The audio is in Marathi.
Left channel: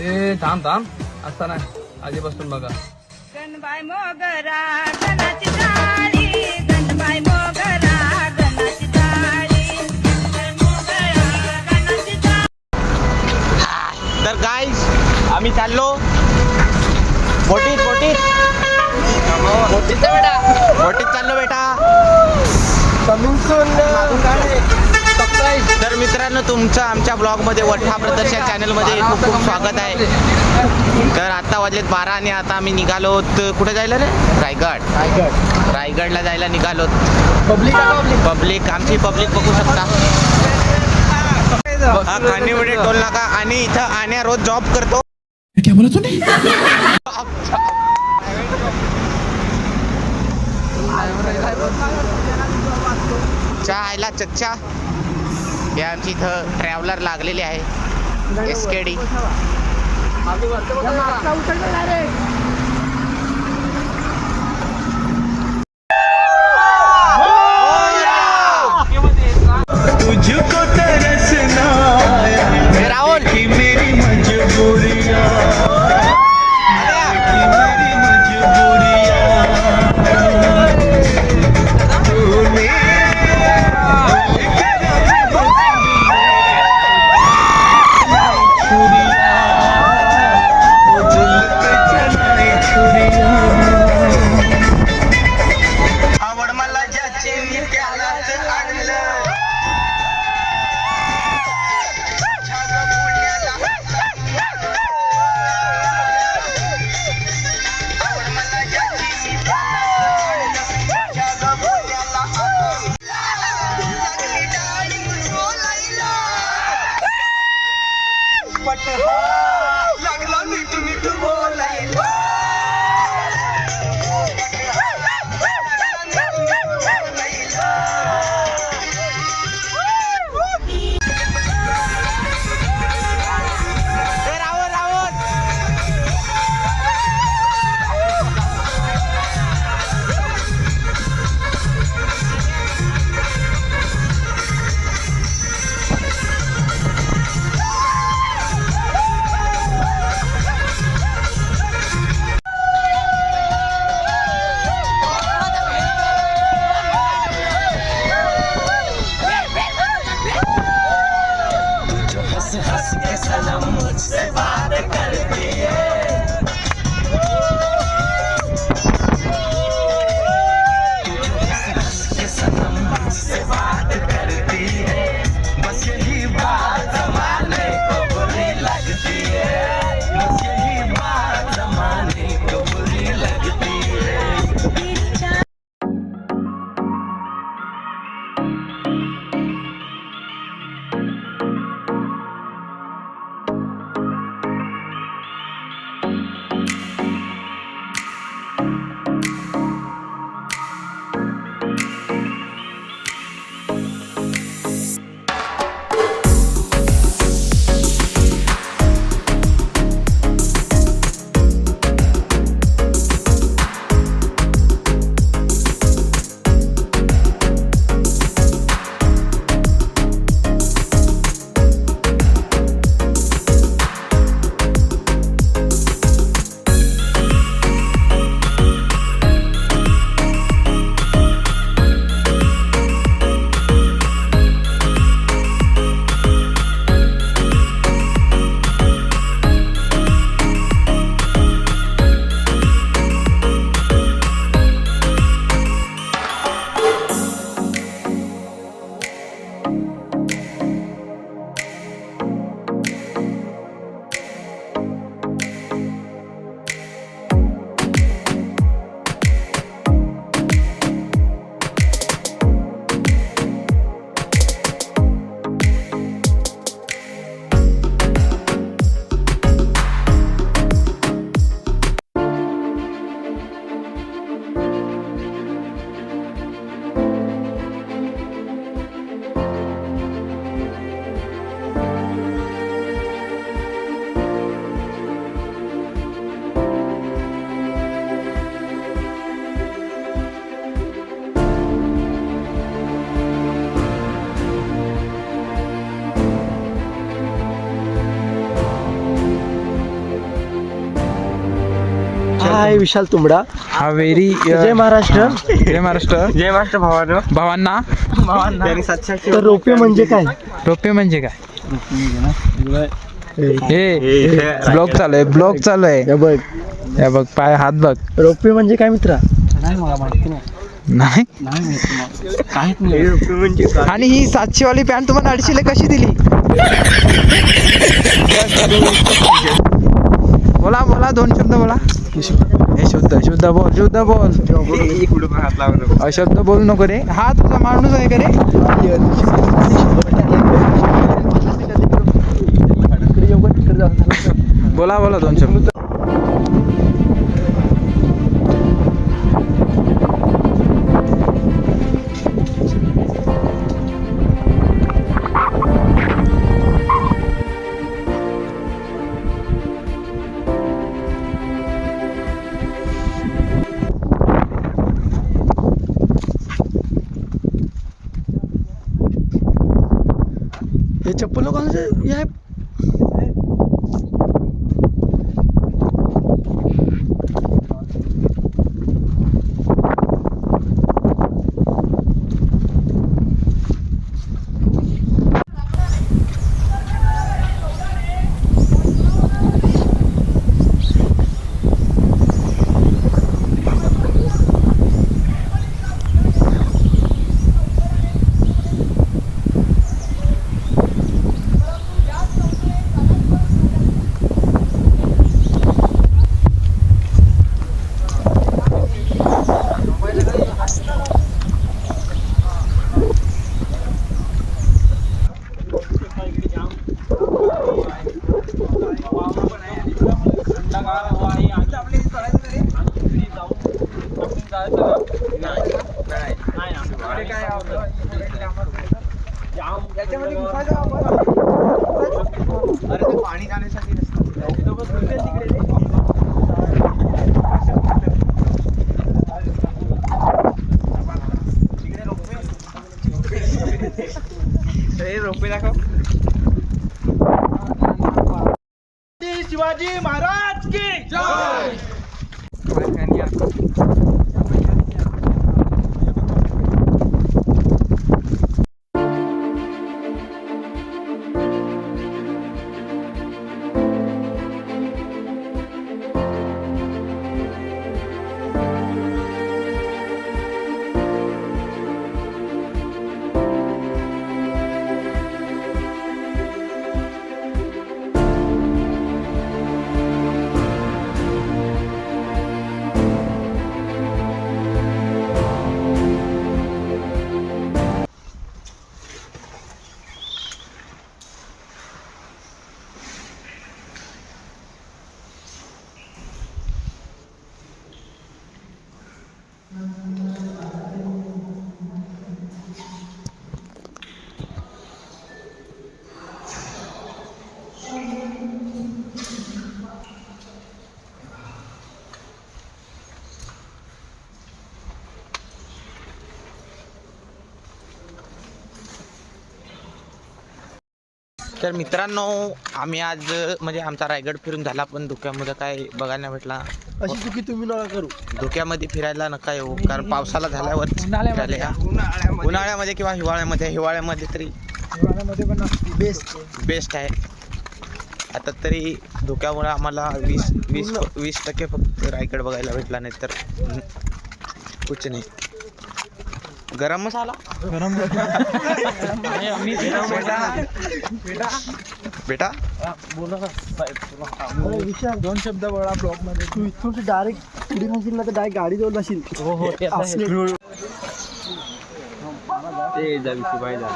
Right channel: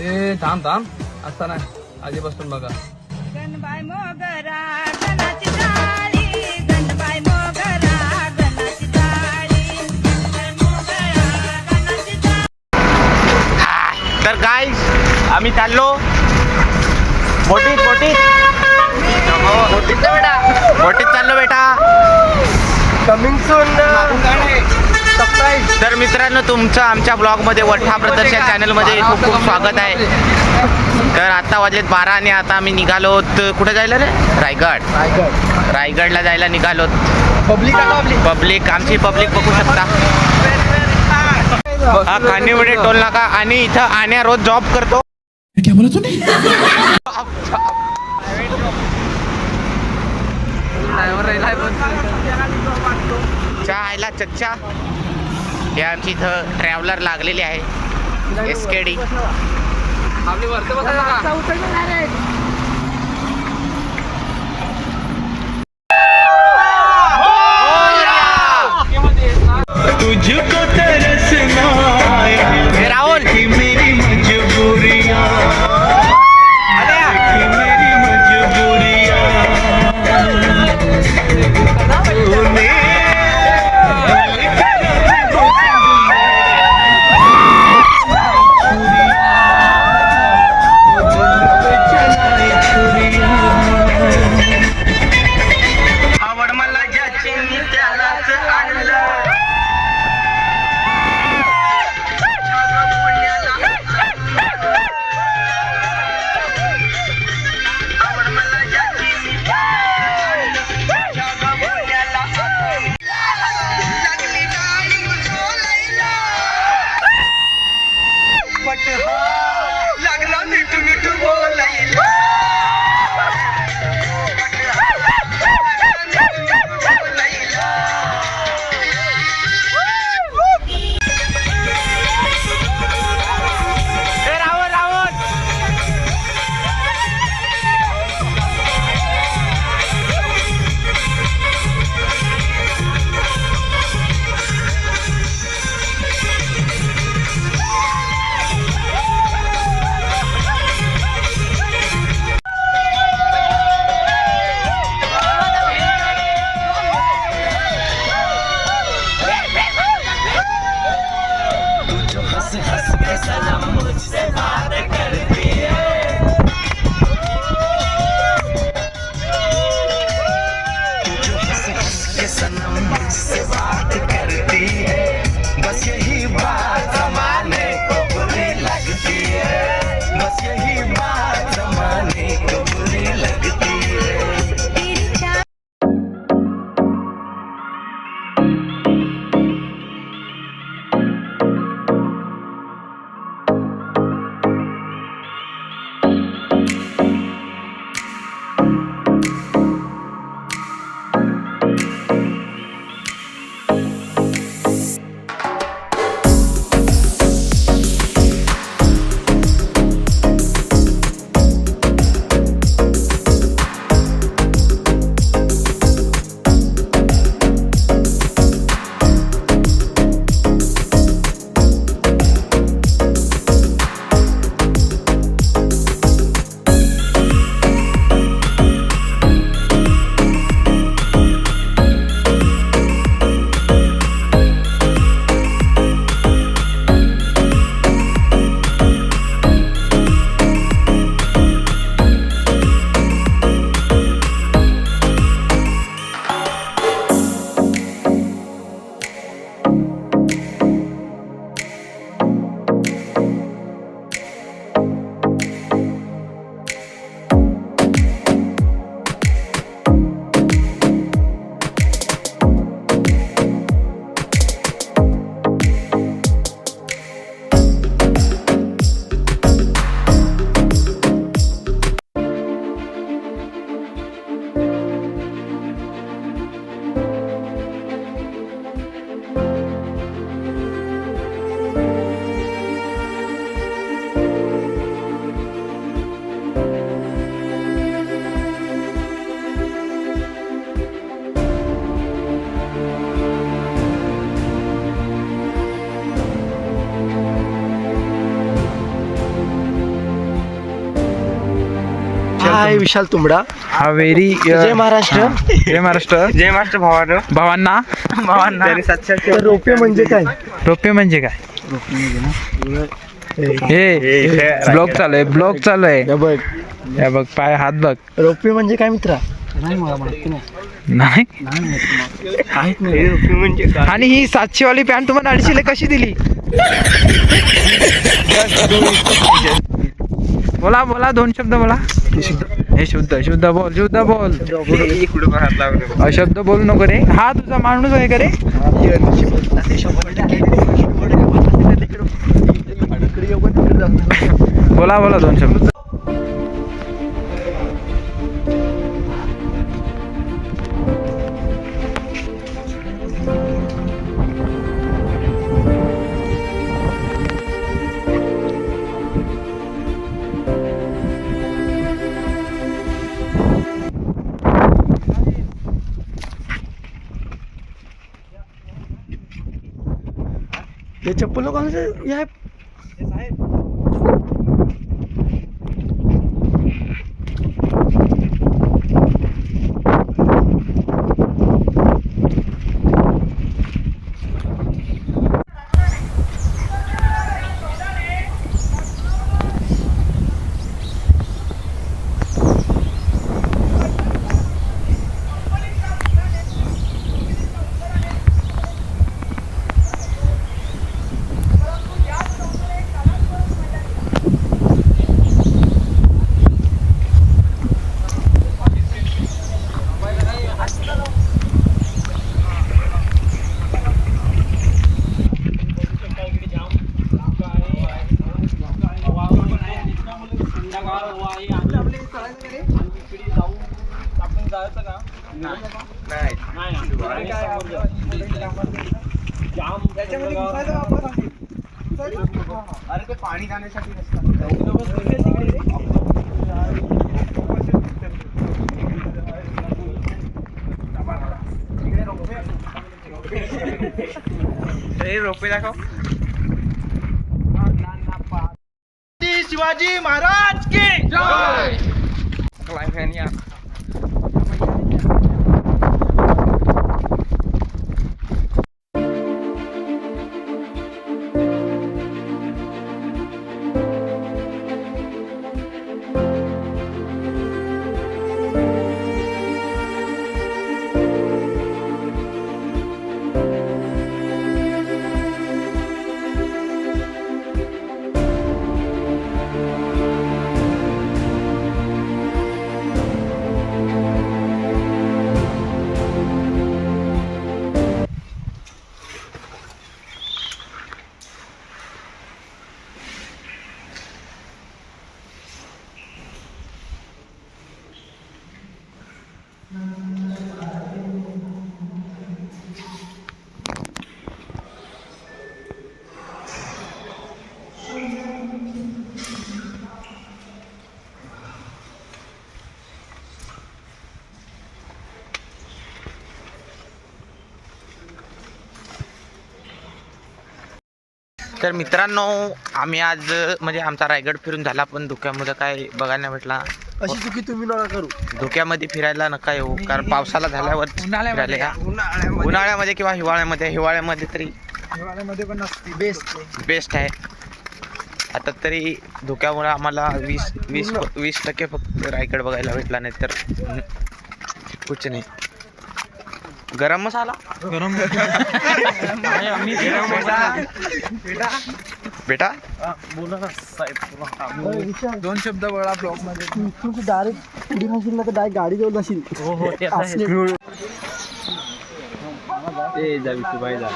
ए थांब थांब असता नाही आधीपासून बघा. गणबाई मोगरा गणाची टाळी, गणबाई मोगरा गणाची टाळी, गणबाई मोगरा गणाची टाळी. तर गाईस आम्ही चाललो बोटीत बोटीत बोटीत चाललो बेटा. Coming soon. तर मित्रांनो तुमचं आमच्या ब्लॉगमध्ये वठ्ठा प्रदर्शन चॅनलमध्ये खूप खूप स्वागत आहे. तर आता वाजलेत 12 आणि आता आम्ही निघालो. कुठे जायला रे? रायगडला जायला निघालो. पब्लिक आमची पब्लिक बघू शकता. हा खानिवडे टोल नाका आणि इथं आण्या रोज जॉब करतो. क्या बोला तूने? चहा आयला चच्चा. हे आमची इथं ट्रॅव्हलर लागलेली आहे SKD. आपली वरती बसायचं का? तुझको तरसना हे राहुल कि मेरी मजबूरियां, कि मेरी मजबूरियां. आवड मला ज्याचे मी त्यालाच आणलं. लागला मिठू मिठू बोलायला. हे राहुल राहुल आहे विशाल तुंबडा. हावेरी जय महाराष्ट्र. जय महाराष्ट्र. जय मास्टर भावांना. रोपे म्हणजे काय? रोपे म्हणजे काय? हे ब्लॉग चालू आहे. हे बघ, हे बघ पाय हात बघ. रोपे म्हणजे काय मित्रा? नाही मला माहिती नाही. नाही. काहीच नाही. आणि ही 700 वाली पॅन्ट तुम्हाला 250 कशी दिली? बोला बोला, 2 शब्द बोला. हे शुद्ध बोल. अशब्द बोलू नको रे. हा तुझा माणूस आहे का रे? बोला 2 शब्द. हे चप्पल लोकांचं हे आहे. पाणी जाण्यासाठी रोपे दाखव. शिवाजी महाराज की जय. तर मित्रांनो, आम्ही आज म्हणजे आमचा रायगड फिरून झाला, पण धुक्यामध्ये काय बघायला नाही भेटला. अशी चुकी तुम्ही नका करू. धुक्यामध्ये फिरायला नका येऊ, कारण पावसाला झाल्यावर फिरायला या. उन्हाळ्यामध्ये किंवा हिवाळ्यामध्ये तरी पण बेस्ट आहे. आता तरी धुक्यामुळे आम्हाला 20% फक्त रायगड बघायला भेटला, नाही तर कुछ नाही. गरम मसाला बेटा बोला ना साहेब. 2 शब्द बोला ब्लॉग मध्ये. तू इथून डायरेक्ट पुढे नसेल ना तर डायरेक्ट गाडी जवळ जाशील. ते जावी बाय जा.